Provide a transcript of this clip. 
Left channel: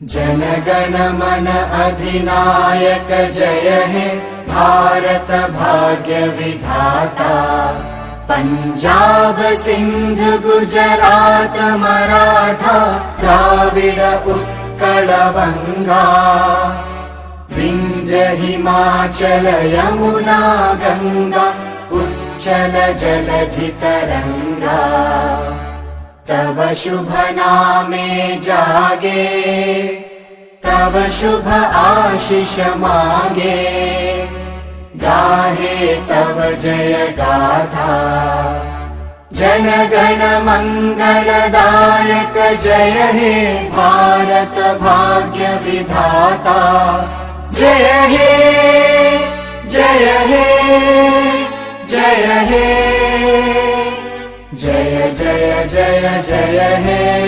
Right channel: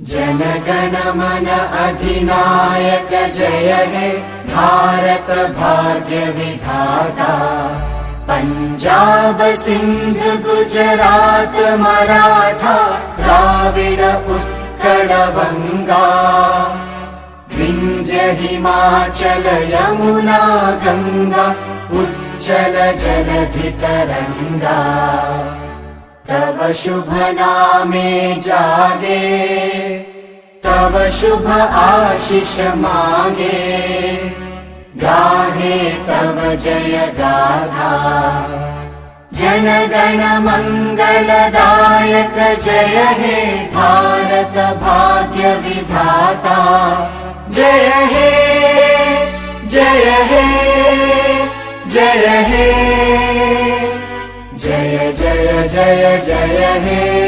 जनगण मन अधिनायक जय हे भारत भाग्य विधाता। पंजाब सिंध गुजरात मराठा द्राविड उत्कल बंगा। विंध्य हिमाचल यमुना गंगा उच्चल जलधि तरंगा। तव शुभ नामे जागे तव शुभ आशीष मागे। गाहे तव जय गाथा जन गण मंगलदायक जय हे भारत भाग्य विधाता। जय हे जय हे जय हे जय जय जय जय हे।